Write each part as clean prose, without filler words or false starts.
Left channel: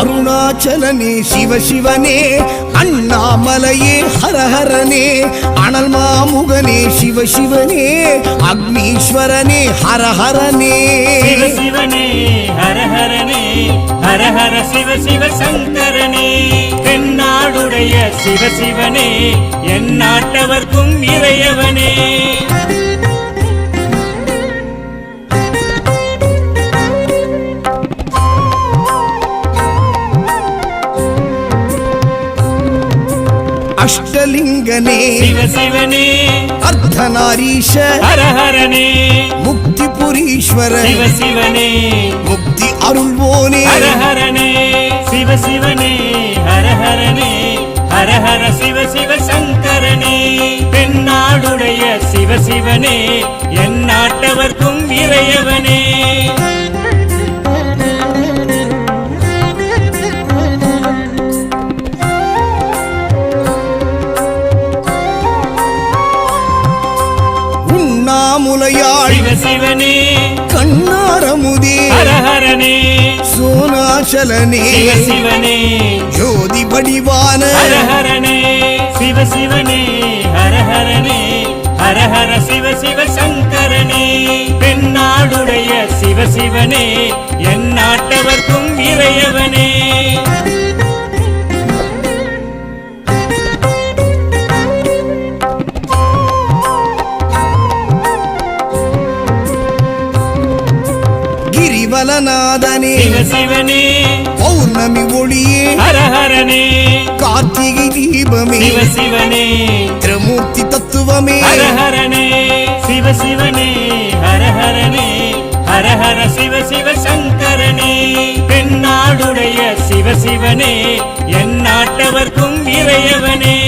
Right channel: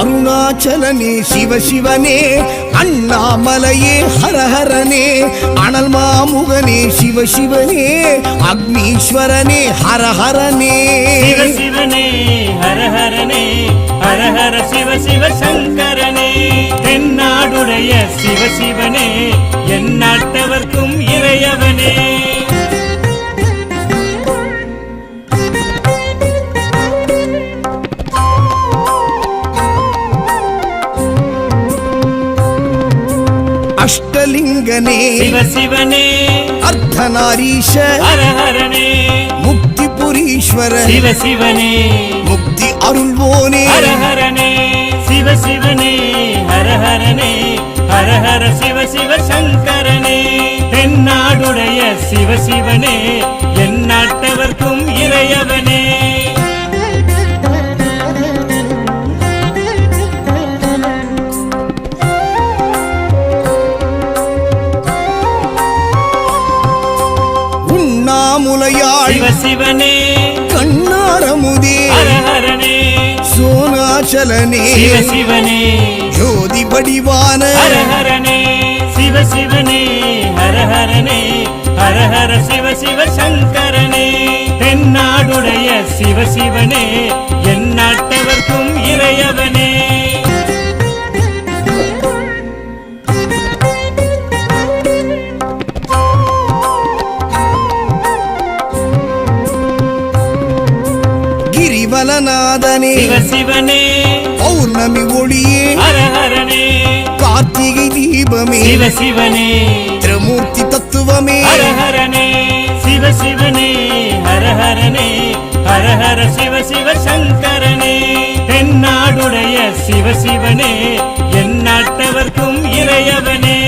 அருணாச்சலனே சிவசிவனே அண்ணாமலையே ஹரஹரனே அனல் மாமுகனே சிவசிவனே அக்னீஸ்வரனே ஹரஹரனே சிவசிவனே ஹரஹரனே ஹரஹர சிவ சிவ சங்கரனே தென்னாடுடைய சிவசிவனே என் நாட்டவர்க்கும் இறையவனே அஷ்டலிங்கனே சிவசிவனே அர்த்தநாரீஷ ஹரஹரனே முக்திபுரீஸ்வர சிவசிவனே முக்தி அருள்வோனே ஹரஹரனே சிவசிவனே ஹரஹரனே ஹரஹர சிவ சிவ சங்கரனே தென்னாடுடைய சிவசிவனே என் நாட்டவர்க்கும் இறையவனே உண்ணாமுலையாள் சிவசிவனே கண்ணாரமுதே ஹரஹரனே சோனாச்சலனே சிவசிவனே ஜோதி வடிவான ஹரஹரனே சிவசிவனே ஹரஹரனே ஹரஹர சிவ சிவ சங்கரனே தென்னாடுடைய சிவசிவனே என் நாட்டவர்க்கும் இறையவனே கிரிவலநாதனே சிவசிவனே பௌர்ணமி ஒளியே ஹரஹரனே கார்த்திகை தீபமே சிவசிவனே திரிமூர்த்தி தத்துவமே ஹரஹரனே சிவசிவனே ஹரஹரனே ஹரஹர சிவ சிவ சங்கரனே தென்னாடுடைய சிவசிவனே என் நாட்டவர்க்கும் இறையவனே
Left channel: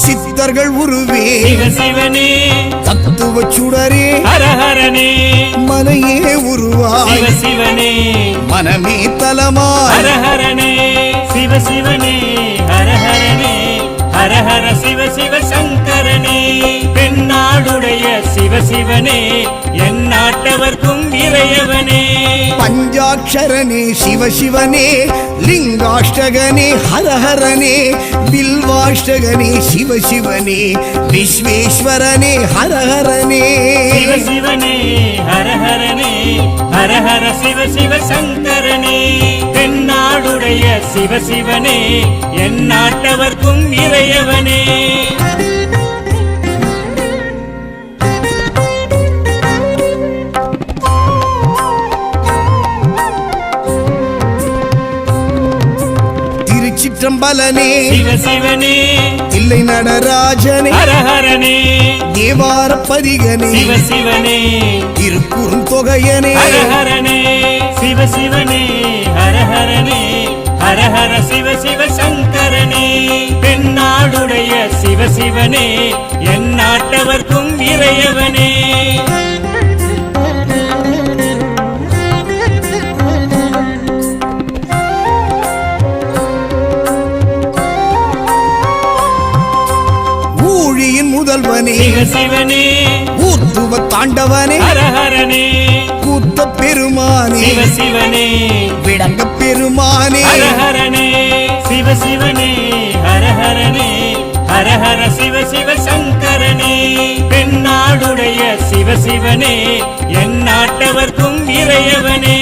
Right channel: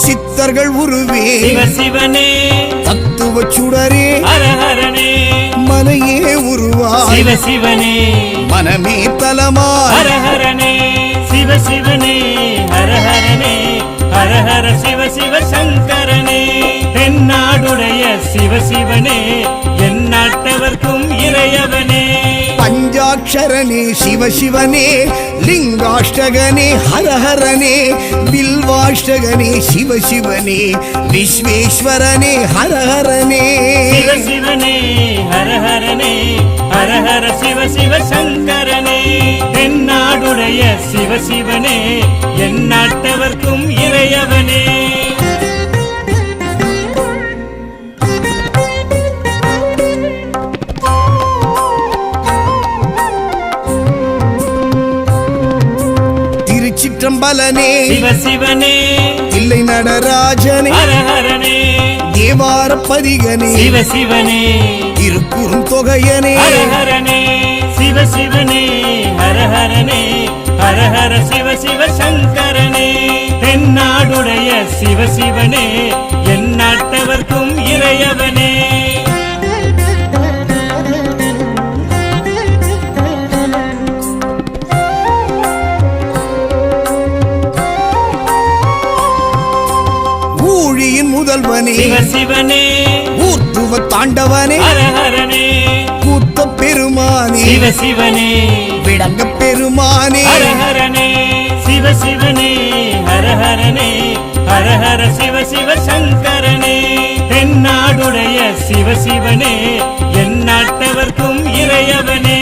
சித்தர்கள் உருவே சிவசிவனே தத்துவ சுடரே ஹரஹரனே மனையே உருவாய் சிவசிவனே மனமே தலமாய் ஹரஹரனே சிவசிவனே ஹரஹரனே ஹரஹர சிவ சிவ சங்கரனே தென்னாடுடைய சிவசிவனே என் நாட்டவர்க்கும் இறையவனே பஞ்சாட்சரனே சிவசிவனே லிங்காஷ்டகனே ஹரஹரனே பில்வாஷ்டகனே சிவசிவனே விஸ்வேஸ்வரனே ஹரஹரனே சிவசிவனே ஹரஹரனே ஹரஹர சிவ சிவ சங்கரனே தென்னாடுடைய சிவசிவனே என் நாட்டவர்க்கும் இறையவனே திருச்சிற்றம்பலனே சிவசிவனே தில்லை நடராஜனே ஹரஹரனே தேவார பதிகனே சிவசிவனே திருக்குறுந்தொகையனே ஹரஹரனே சிவசிவனே ஹரஹரனே ஹரஹர சிவ சிவ சங்கரனே தென்னாடுடைய சிவசிவனே என் நாட்டவர்க்கும் இறையவனே ஊழியின் முதல்வனே சிவசிவனே ஊர்த்துவ தாண்டவனே ஹரஹரனே கூத்த பெருமானே சிவசிவனே விடங்க பெருமானே ஹரஹரனே சிவசிவனே ஹரஹரனே ஹரஹர சிவ சிவ சங்கரனே தென்னாடுடைய சிவசிவனே என் நாட்டவர்க்கும் இறையவனே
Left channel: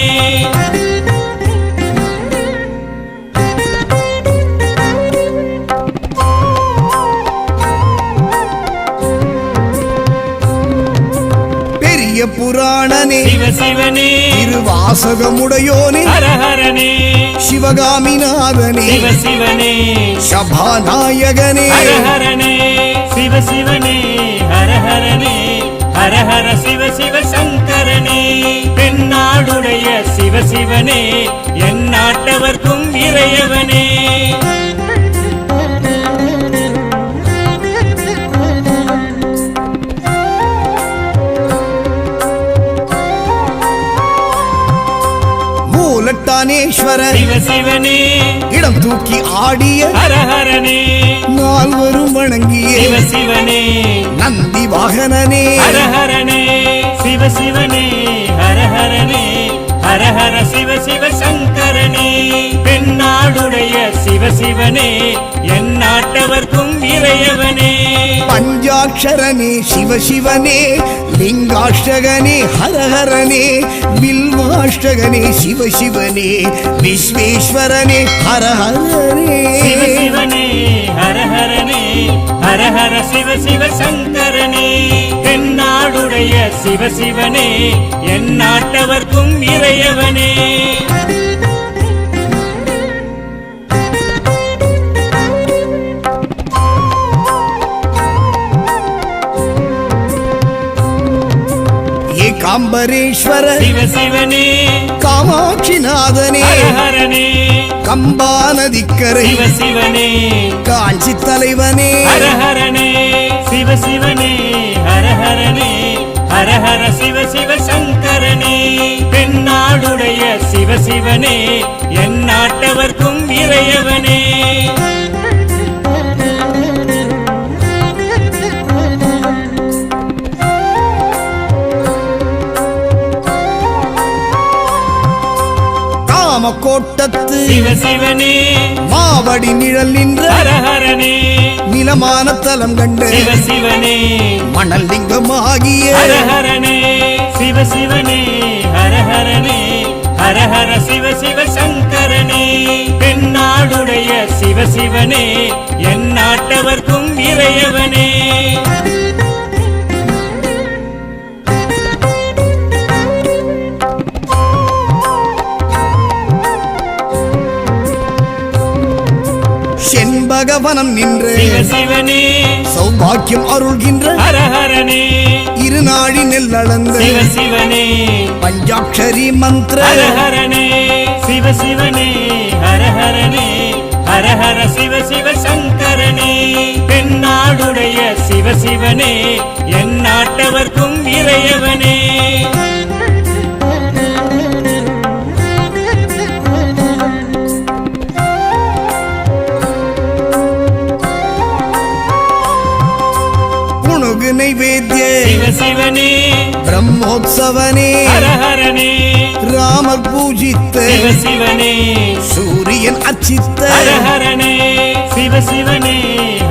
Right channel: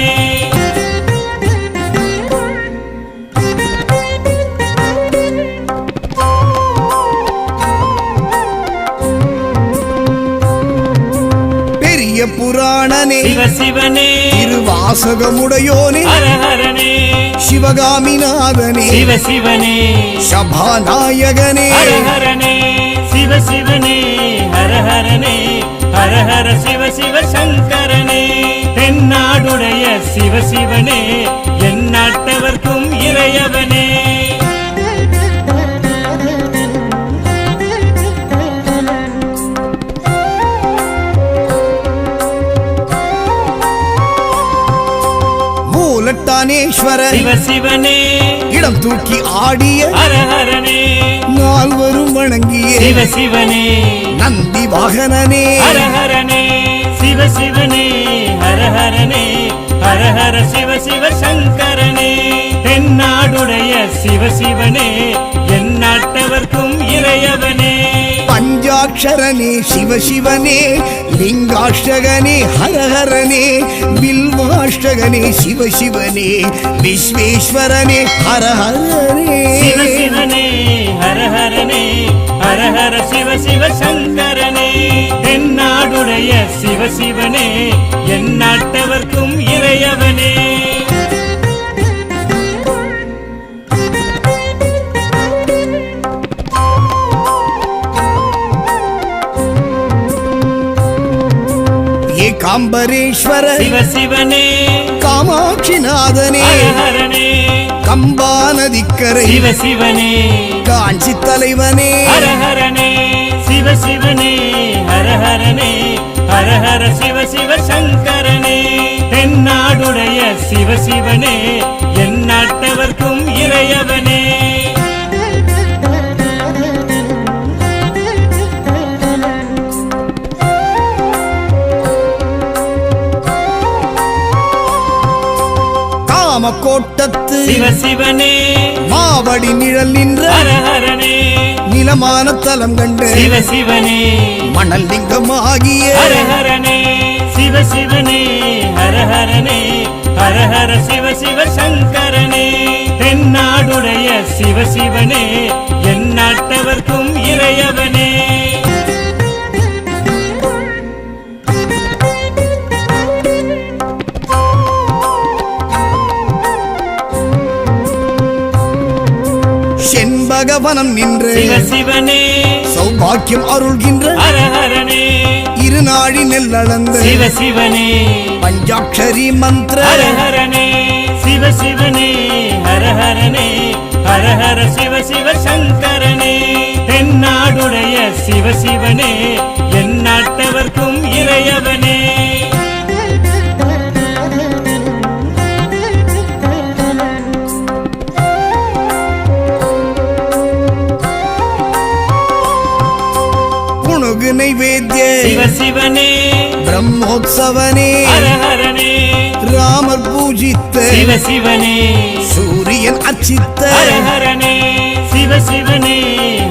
பெரிய புராணனே சிவசிவனே திருவாசகமுடையோனே ஹரஹரனே சிவகாமிநாதனே சிவசிவனே சபாநாயகனே ஹரஹரனே சிவசிவனே ஹரஹரனே ஹரஹர சிவ சிவ சங்கரனே தென்னாடுடைய சிவசிவனே என் நாட்டவர்க்கும் இறையவனே மூலட்டானேஸ்வர சிவசிவனே இடம் தூக்கி ஆடிய ஹரஹரனே நால்வரும் வணங்கியே சிவ சிவனே நந்தி வாகனனே ஹர ஹரனே சிவ சிவனே ஹர ஹரனே ஹர ஹர சிவ சிவ சங்கரனே தென்னாடுடைய சிவ சிவனே என் நாட்டவர்க்கும் இறையவனே பஞ்சாட்சரனே சிவசிவனே லிங்காஷ்டகனே ஹரஹரனே வில்வாஷ்டகனே சிவசிவனே விஸ்வேஸ்வரனே ஹரஹரனே சிவ சிவனே ஹர ஹரனே ஹர ஹர சிவ சிவ சங்கரனே தென்னாடுடைய சிவ சிவனே என் நாட்டவர்க்கும் இறையவனே ஏகாம்பரேஸ்வர சிவ சிவனே காமாட்சிநாதனே ஹர ஹரனே கம்பா நதிக்கரை சிவ சிவனே காஞ்சி தலைவனே ஹர ஹரனே சிவ சிவனே ஹர ஹரனே ஹர ஹர சிவ சிவ சங்கரனே தென்னாடுடைய சிவ சிவனே என் நாட்டவர்க்கும் இறையவனே காமக்கோட்டத்து சிவ சிவனே மாவடி நிழல் நின்ற ஹர ஹரனே நிலமான தலம் கண்டு சிவ சிவனே மணல் லிங்கமாகிய ஹர ஹரனே சிவ சிவனே ஹர ஹரனே ஹர ஹர சிவ சிவ சங்கரனே தென்னாடுடைய சிவ சிவனே என் நாட்டவர்க்கும் இறையவனே செண்பகவனம் நின்று சிவ சிவனே சௌபாக்கியம் அருள்கின்ற ஹர ஹரனே இருநாழி நெல்லளந்து சிவ சிவனே பஞ்சாட்சரி மந்திர ஹர ஹரனே சிவ சிவனே ஹர ஹரனே ஹர ஹர சிவ சிவ சங்கரனே தென்னாடுடைய சிவ சிவனே என் நாட்டவர்க்கும் இறையவனே புணுகு நைவேத்திய சிவ சிவனே பிரம்மோத்சவனே ஹர ஹரனே ராமர் பூஜித்த சிவ சிவனே சூரியன் அச்சித்த ஹர ஹரனே சிவ சிவனே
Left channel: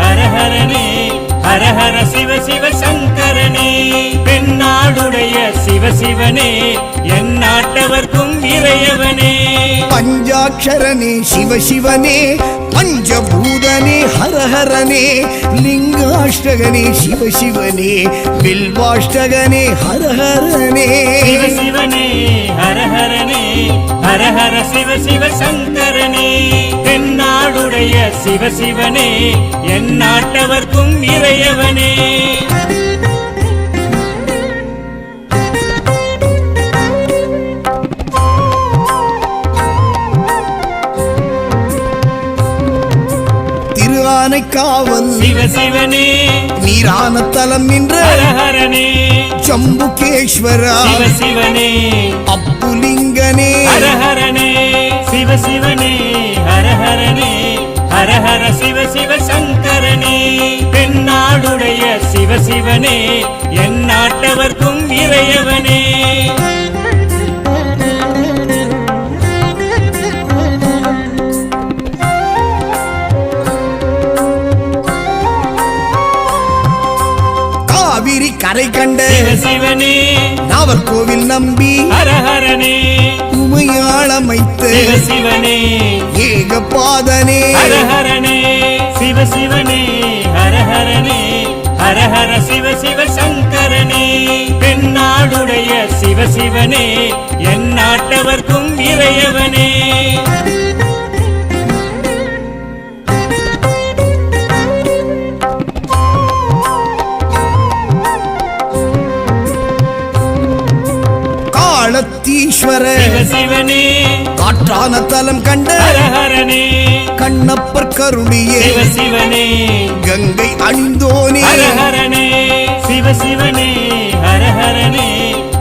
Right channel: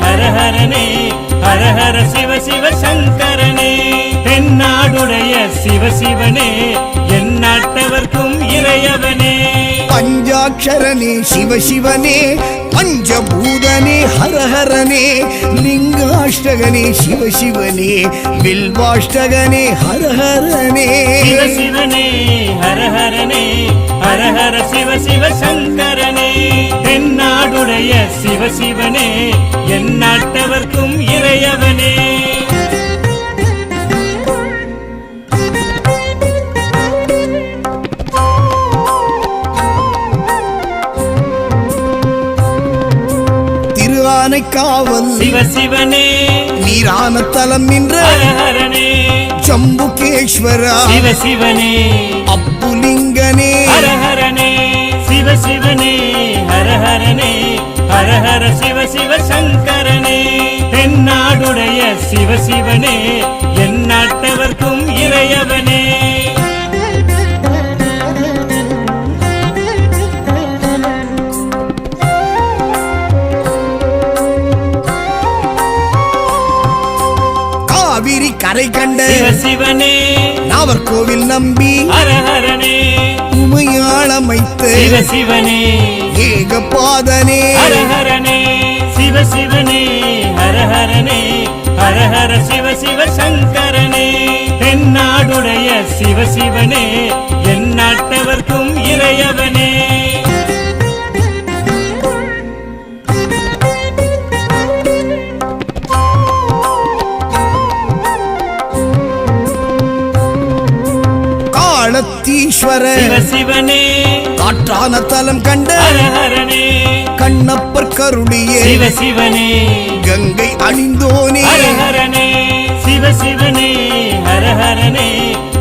ஹர ஹரனே ஹர ஹர சிவ சிவ சங்கரனே தென்னாடுடைய சிவ சிவனே என் நாட்டவர்க்கும் இறையவனே பஞ்சாட்சரனே சிவசிவனே பஞ்சபூதனே ஹரஹரனே லிங்காஷ்டகனே சிவசிவனே வில்வாஷ்டகனே ஹரஹரனே சிவ சிவனே ஹர ஹரனே ஹர ஹர சிவ சிவ சங்கரனே தென்னாடுடைய சிவ சிவனே என் நாட்டவர்க்கும் இறையவனே திரு ஆனைக்காவல் சிவ சிவனே நீரான தலம் நின்ற ஹர ஹரனே ஜம்புகேஸ்வரா சிவ சிவனே அப்புலிங்கனே ஹர ஹரனே சிவ சிவனே ஹர ஹரனே ஹர ஹர சிவ சிவ சங்கரனே தென்னாடுடைய சிவ சிவனே என் நாட்டவர்க்கும் இறையவனே காவிரி கரை கண்ட சிவ சிவனே நாவர்கோவில் நம்பி ஹர ஹரனே உமையாளமைத்து சிவ சிவனே ஏகபாதனே ஹர ஹரனே சிவ சிவனே ஹர ஹரனே ஹர ஹர சிவ சிவ சங்கரனே தென்னாடுடைய சிவ சிவனே என் நாட்டவர்க்கும் இறையவனே காலத்தீஸ்வர சிவ சிவனே காற்றான தலம் கண்ட ஹர ஹரனே கண்ணப்பர் கருளியே சிவ சிவனே கங்கை அணிந்தோனே ஹர ஹரனே சிவ சிவனே ஹர ஹரனே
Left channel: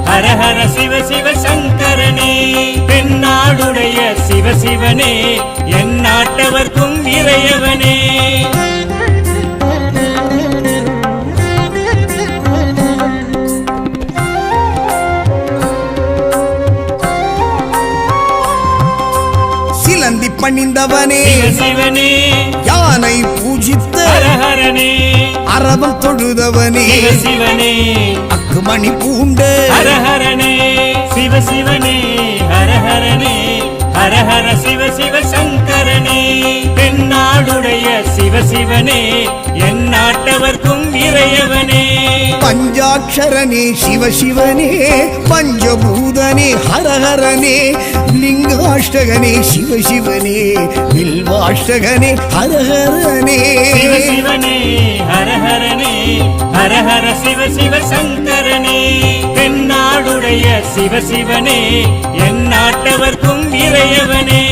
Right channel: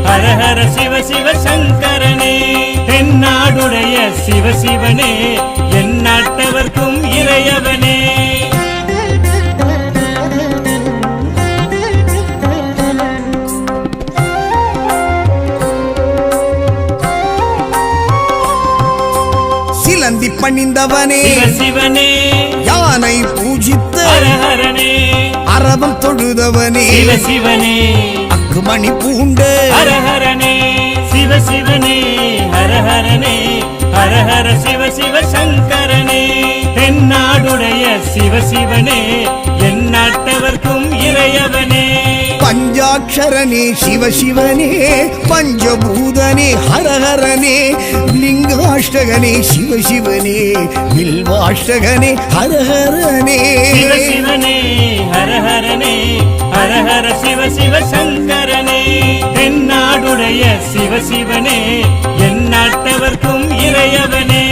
ஹர ஹர சிவ சிவ சங்கரனே தென்னாடுடைய சிவ சிவனே என் நாட்டவர்க்கும் இறையவனே சிலந்தி பணிந்தவனே சிவ சிவனே யானை பூஜித்த ஹர ஹரனே அரவம் தொழுதவனே சிவ சிவனே அக்குமணி பூண்ட ஹர ஹரனே சிவ சிவனே ஹர ஹரனே ஹர ஹர சிவ சிவ சங்கரனே தென்னாடுடைய சிவ சிவனே எந்நாட்டவர்க்கும் இறையவனே பஞ்சாட்சரனே சிவசிவனே பஞ்சபூதனே ஹரஹரனே லிங்காஷ்டகனே சிவசிவனே வில்வாஷ்டகனே ஹரஹரனே சிவ சிவனே ஹர ஹரனே ஹர ஹர சிவ சிவ சங்கரனே தென்னாடுடைய சிவ சிவனே எந்நாட்டவர்க்கும் இறையவனே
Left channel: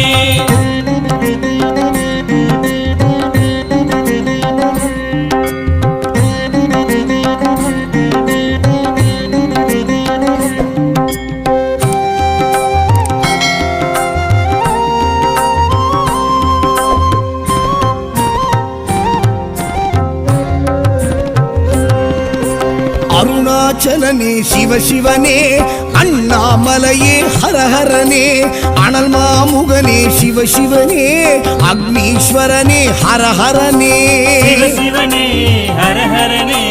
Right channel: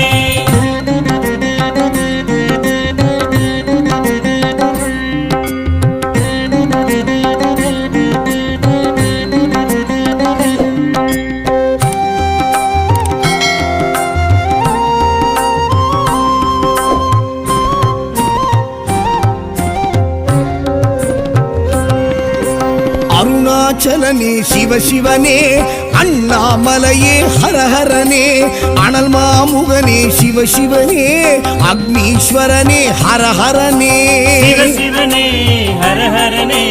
அருணாச்சலனே சிவசிவனே அண்ணாமலையே ஹரஹரனே அனல் மாமுகனே சிவசிவனே அக்னீஸ்வரனே ஹரஹரனே சிவ சிவனே ஹர ஹரனே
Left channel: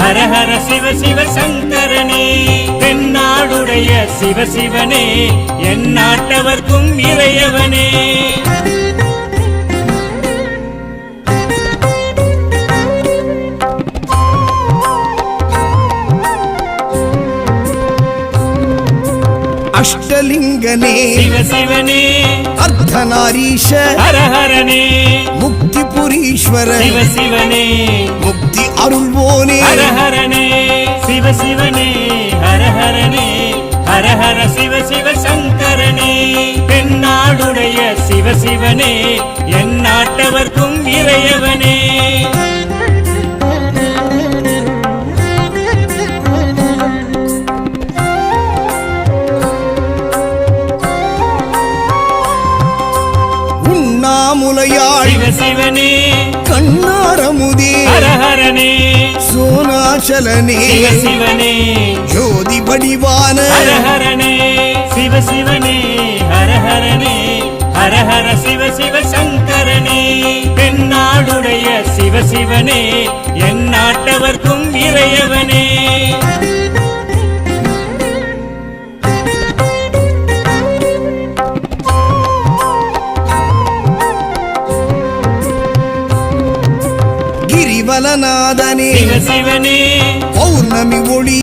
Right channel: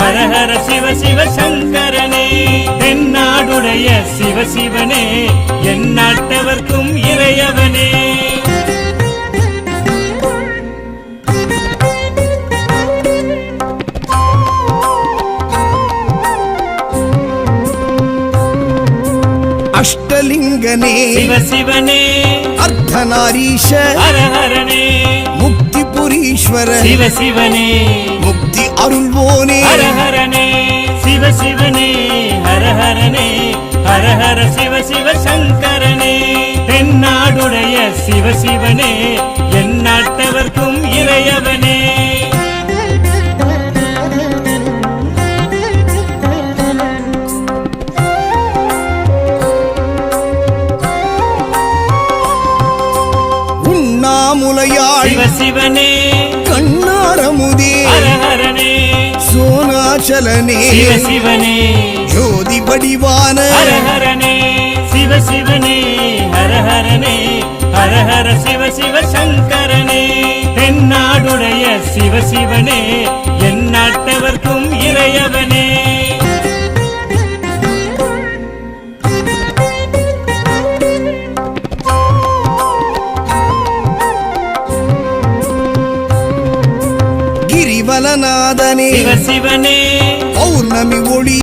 ஹர ஹர சிவ சிவ சங்கரனே தென்னாடுடைய சிவ சிவனே எந்நாட்டவர்க்கும் இறையவனே அஷ்டலிங்கனே சிவ சிவனே அர்த்தநாரீஷ ஹர ஹரனே முக்தி புரீஸ்வர சிவ சிவனே முக்தி அருள்வோனே ஹர ஹரனே சிவ சிவனே ஹர ஹரனே ஹர ஹர சிவ சிவ சங்கரனே தென்னாடுடைய சிவ சிவனே எந்நாட்டவர்க்கும் இறையவனே உண்ணாமுலையாள் சிவ சிவனே கண்ணாரமுதே ஹர ஹரனே சோனாச்சலனே சிவ சிவனே ஜோதி வடிவான ஹர ஹரனே சிவ சிவனே ஹர ஹரனே ஹர ஹர சிவ சிவ சங்கரனே தென்னாடுடைய சிவ சிவனே எந்நாட்டவர்க்கும் இறையவனே கிரிவலநாதனே சிவ சிவனே பௌர்ணமி ஒளி